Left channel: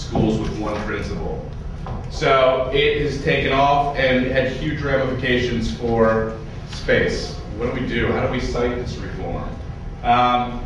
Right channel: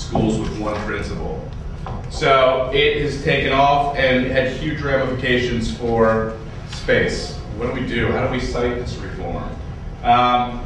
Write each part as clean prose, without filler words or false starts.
schools with one principal. So it has taken off and had huge ramifications for space. What do we do? How do we cite this reform?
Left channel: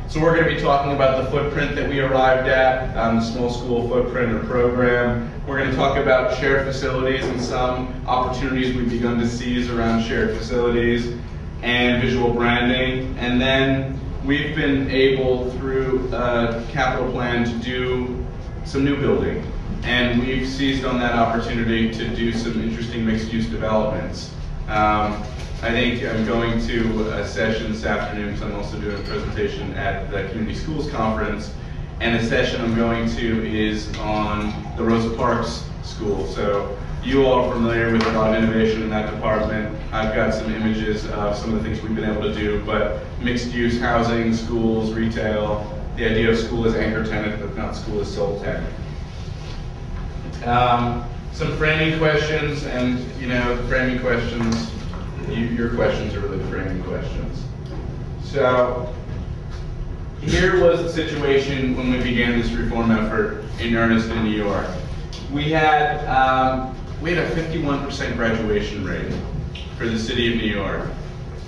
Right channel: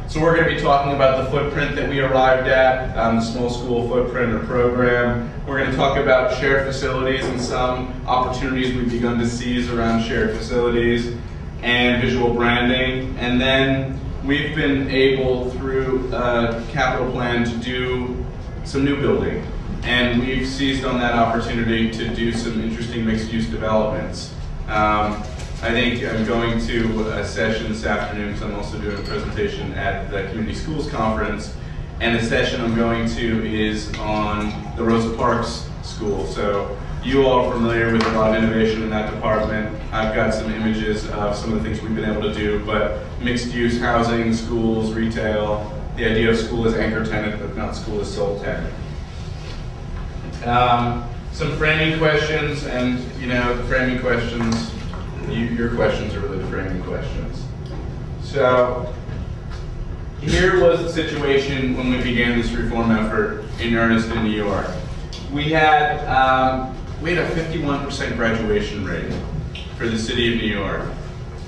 So we're going to be talking about the footprint that we arrived at, the small school footprint or program. We're going to talk about shared facilities and some opportunities we've begun to seize around shared facilities and visual branding. And then we've been able, through a capital plan, to do some new building. And we've seized on that opportunity to do some interesting mixed-use developments. I think I'm going to a session this afternoon because I'm also doing a presentation at the Community Schools Conference. And the session I'm going to is on the Rosa Parks School. So you all are familiar with a lot of innovation in that department. I've got some images of some of the things we've been able to do, but mixed-use housing, schools, retail, the idea of school as anchor tenant, but not school as sole tenant. Some framing questions, and the framing questions, your questions are really the framing questions. So here was the situation when we began this reform effort in earnest in New York. We had a 51% graduation rate for the city of New York.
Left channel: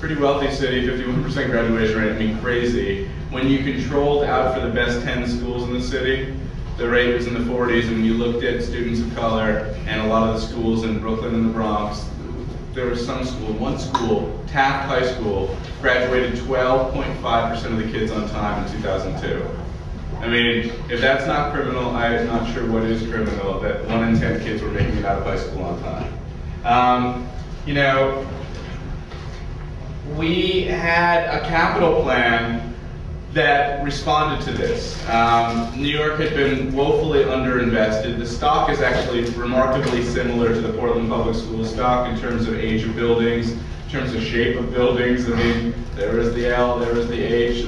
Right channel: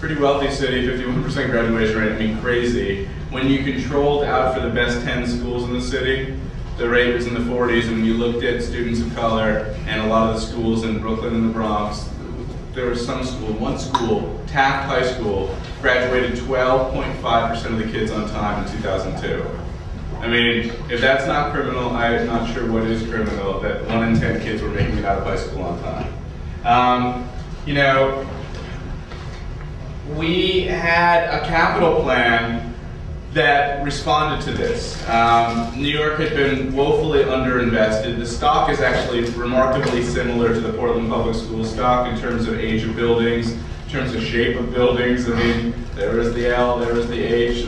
Pretty wealthy city, 51% graduation rate, I mean crazy. When you controlled out for the best 10 schools in the city, the rate was in the 40s, and when you looked at students of color and a lot of the schools in Brooklyn and the Bronx, there was one school, Taft High School, graduated 12.5% of the kids on time in 2002. I mean, if that's not criminal, I'm not sure what is criminal, that 1 in 10 kids were making it out of high school on time. We had a capital plan that responded to this. New York had been woefully underinvested. The stock is actually remarkably similar to the Portland Public Schools stock in terms of age of buildings, in terms of shape of buildings. I mean, there is the L, there is the H,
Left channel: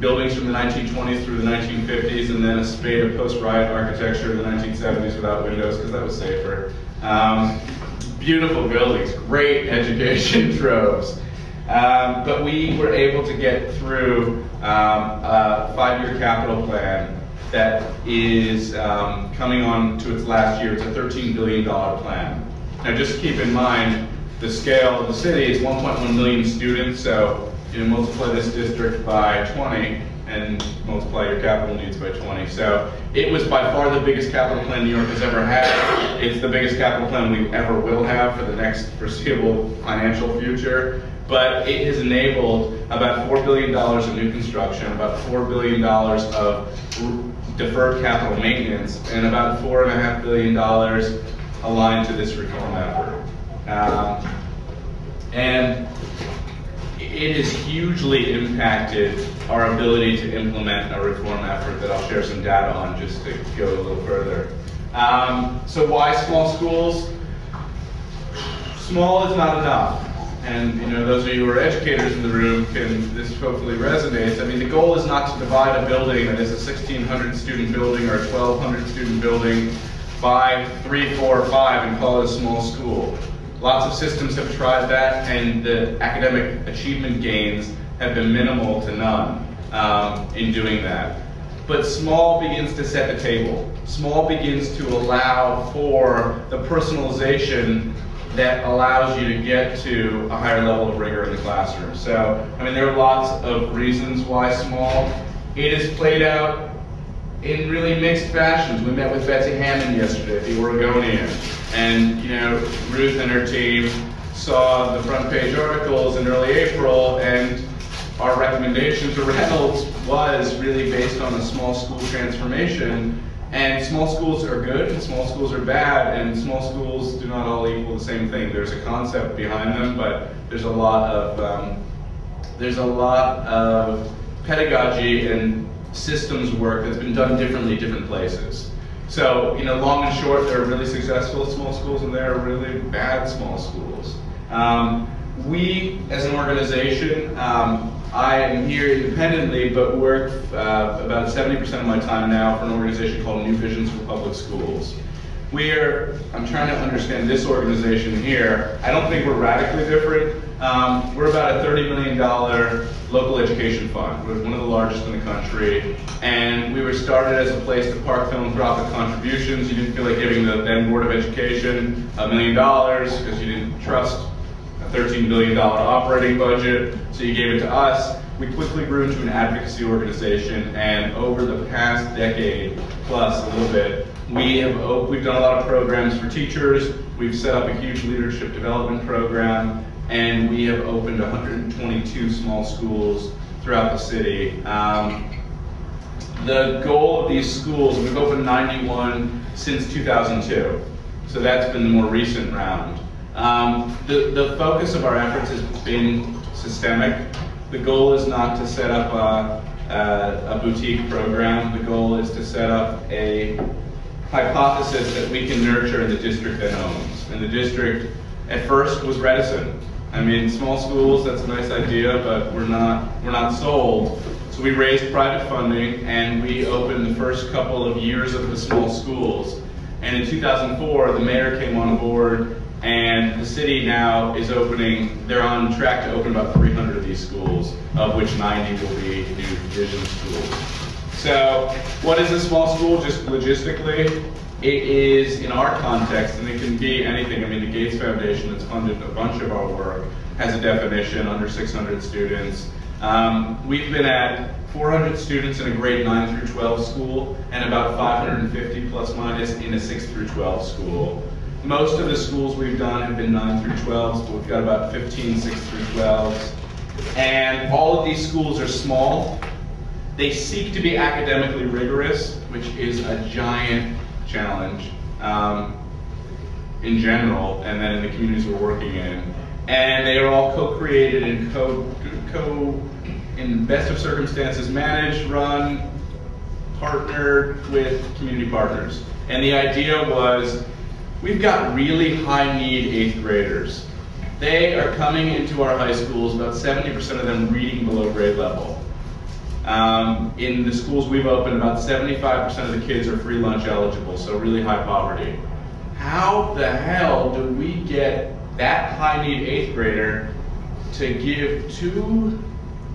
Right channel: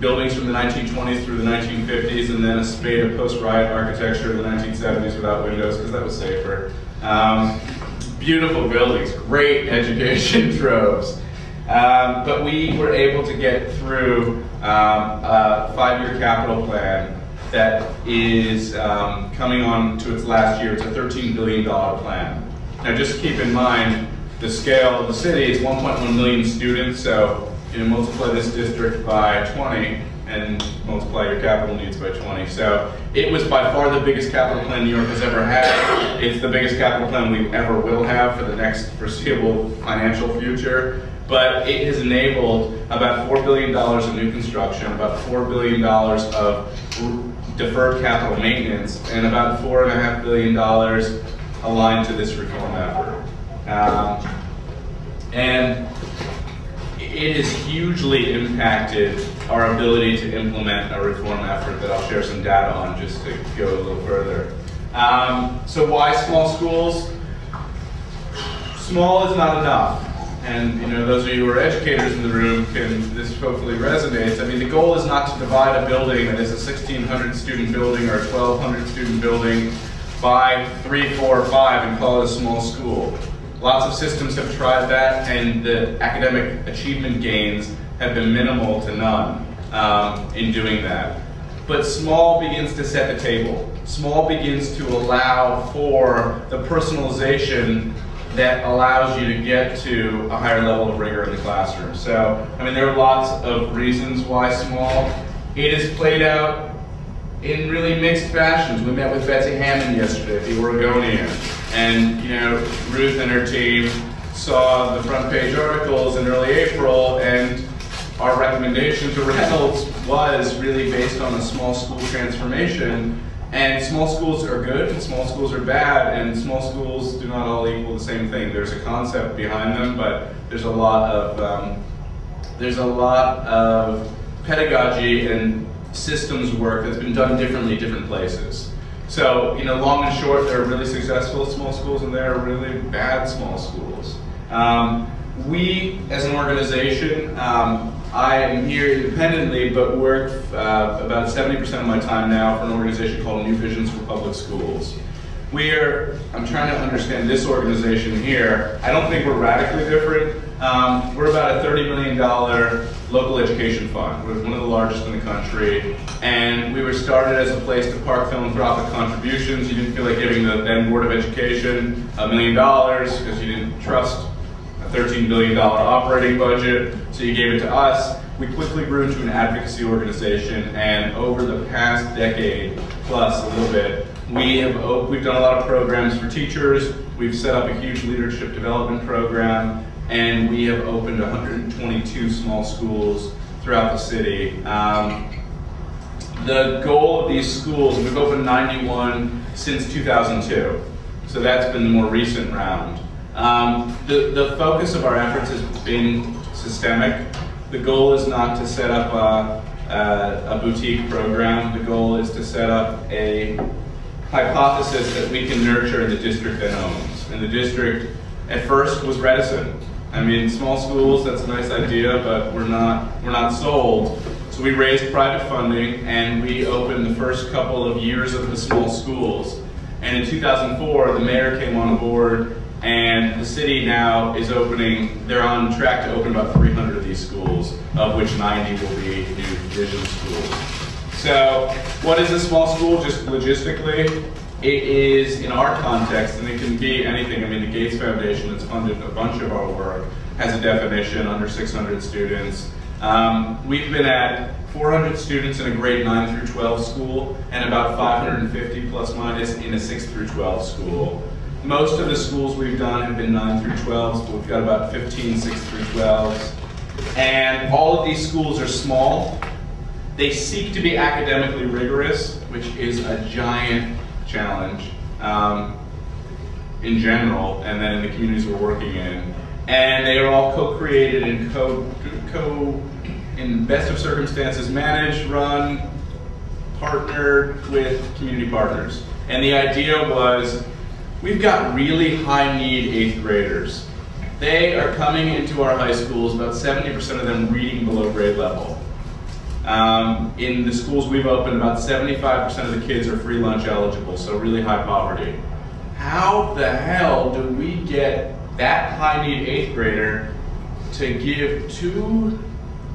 buildings from the 1920s through the 1950s, and then a spate of post-riot architecture in the 1970s without windows, because that was safer. Beautiful buildings, great education troves. But we were able to get through a 5-year capital plan that is coming on to its last year. It's a $13 billion plan. Now just keep in mind the scale of the city is 1.1 million students, so multiply this district by 20 and multiply your capital needs by 20. So it was by far the biggest capital plan New York has ever had. It's the biggest capital plan we ever will have for the next foreseeable financial future. But it has enabled about $4 billion of new construction, about $4 billion of deferred capital maintenance, and about $4.5 billion aligned to this reform effort. And it has hugely impacted our ability to implement a reform effort that I'll share some data on just to go a little further. So why small schools? Small is not enough. And those of you who are educators in the room, this hopefully resonates. I mean, the goal is not to divide a building that is a 1,600 student building or a 1,200 student building by 3, 4, or 5 and call it a small school. Lots of systems have tried that, and the academic achievement gains have been minimal to none in doing that. But small begins to set the table. Small begins to allow for the personalization that allows you to get to a higher level of rigor in the classroom. So, I mean, there are lots of reasons why small. It is played out in really mixed fashions. We met with Betsy Hammond yesterday at the Oregonian, and Ruth and her team saw the front page articles in early April, and our recommendation to Reynolds was really based on a small school transformation. And small schools are good, and small schools are bad, and small schools do not all equal the same thing. There's a concept behind them, but there's a lot of pedagogy and systems work that's been done differently in different places. So, long and short, there are really successful small schools, and there are really bad small schools. We, as an organization, I am here independently, but work about 70% of my time now for an organization called New Visions for Public Schools. I'm trying to understand this organization here. I don't think we're radically different. We're about a $30 million local education fund. We're one of the largest in the country, and we were started as a place to park philanthropic contributions. You didn't feel like giving the then Board of Education $1 million because you didn't trust a $13 billion operating budget, so you gave it to us. We quickly grew into an advocacy organization, and over the past decade plus a little bit, we've done a lot of programs for teachers. We've set up a huge leadership development program, and we have opened 122 small schools throughout the city. The goal of these schools, we've opened 91 since 2002, so that's been the more recent round. The focus of our efforts has been systemic. The goal is not to set up a boutique program. The goal is to set up a hypothesis that we can nurture in the district that owns. And the district at first was reticent. I mean, small schools, that's a nice idea, but we're not sold. So we raised private funding, and we opened the first couple of years of the small schools. And in 2004, the mayor came on board, and the city now is opening, they're on track to open about 300 of these schools, of which 90 will be new vision schools. So what is a small school, just logistically? It is, in our context, and it can be anything. I mean, the Gates Foundation that's funded a bunch of our work has a definition, under 600 students. We've been at 400 students in a grade 9 through 12 school, and about 550 plus minus in a 6 through 12 school. Most of the schools we've done have been 9 through 12s, but we've got about 15 6 through 12s. And all of these schools are small. They seek to be academically rigorous, which is a giant challenge in general, and then in the communities we're working in. And they are all co-created and in best of circumstances, managed, run, partnered with community partners. And the idea was, we've got really high need 8th graders. They are coming into our high schools, about 70% of them reading below grade level. In the schools we've opened, about 75% of the kids are free lunch eligible, so really high poverty. How the hell do we get that high need 8th grader to give 2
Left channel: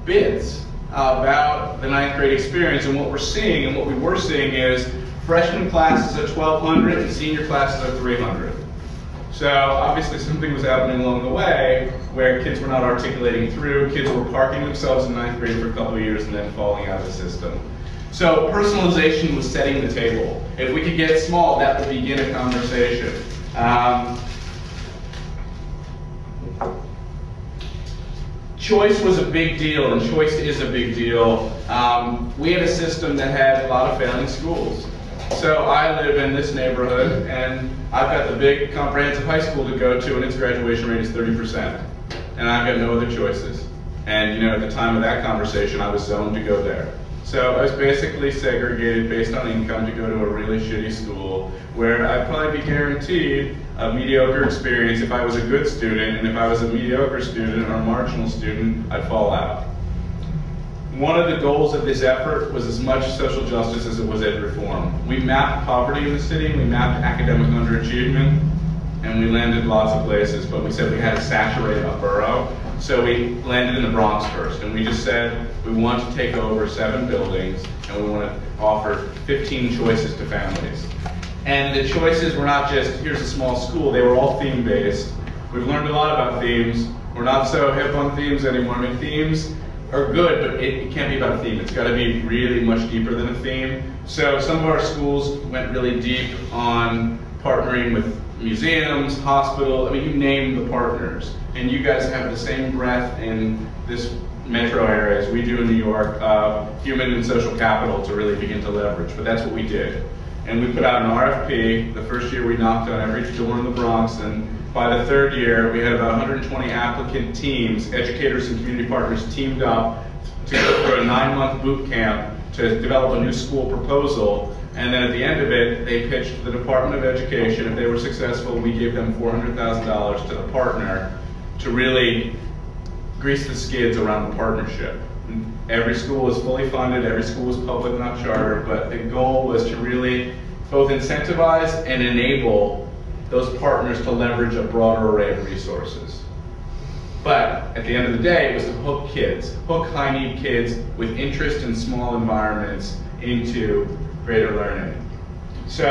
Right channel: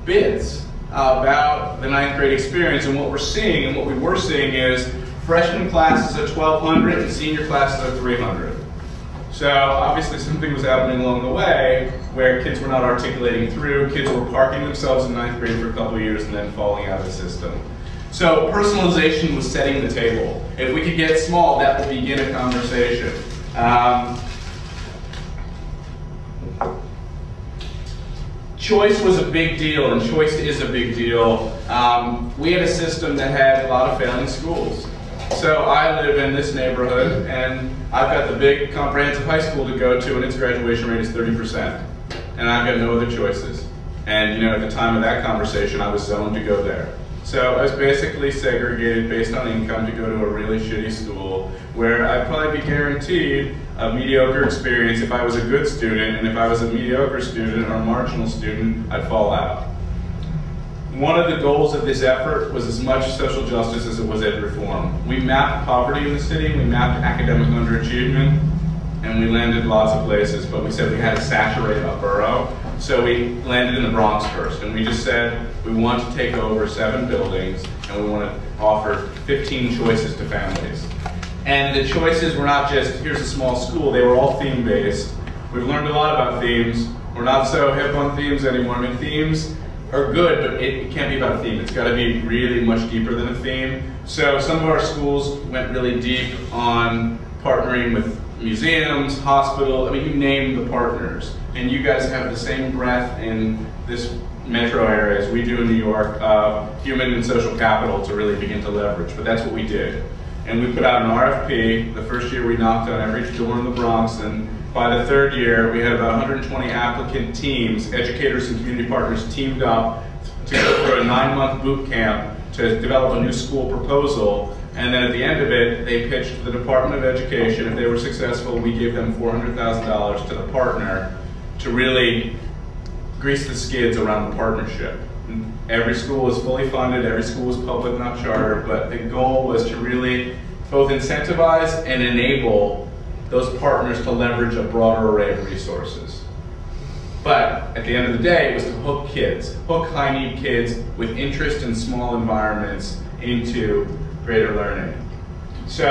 bits about the 9th grade experience? And what we're seeing, and what we were seeing, is freshman classes at 1,200 and senior classes at 300. So obviously something was happening along the way where kids were not articulating through, kids were parking themselves in 9th grade for a couple of years and then falling out of the system. So personalization was setting the table. If we could get small, that would begin a conversation. Choice was a big deal, and choice is a big deal. We had a system that had a lot of failing schools. So I live in this neighborhood, and I've got the big comprehensive high school to go to, and its graduation rate is 30%. And I've got no other choices. And you know, at the time of that conversation, I was zoned to go there. So I was basically segregated based on income to go to a really shitty school, where I'd probably be guaranteed a mediocre experience if I was a good student, and if I was a mediocre student or a marginal student, I'd fall out. One of the goals of this effort was as much social justice as it was ed reform. We mapped poverty in the city, we mapped academic underachievement, and we landed lots of places, but we said we had to saturate a borough. So we landed in the Bronx first, and we just said we want to take over 7 buildings, and we want to offer 15 choices to families. And the choices were not just, here's a small school, they were all theme-based. We've learned a lot about themes. We're not so hip on themes anymore. I mean, themes are good, but it can't be about a theme. It's got to be really much deeper than a theme. So some of our schools went really deep on partnering with museums, hospitals, I mean, you name the partners. And you guys have the same breadth in this metro area as we do in New York, human and social capital to really begin to leverage, but that's what we did. And we put out an RFP. The first year we knocked on every door in the Bronx, and by the 3rd year we had about 120 applicant teams, educators and community partners teamed up to go through a 9-month boot camp to develop a new school proposal. And then at the end of it, they pitched to the Department of Education. If they were successful, we gave them $400,000 to the partner to really grease the skids around the partnership. Every school was fully funded, every school was public, not charter, but the goal was to really both incentivize and enable those partners to leverage a broader array of resources. But at the end of the day, it was to hook kids, hook high-need kids with interest in small environments into greater learning. So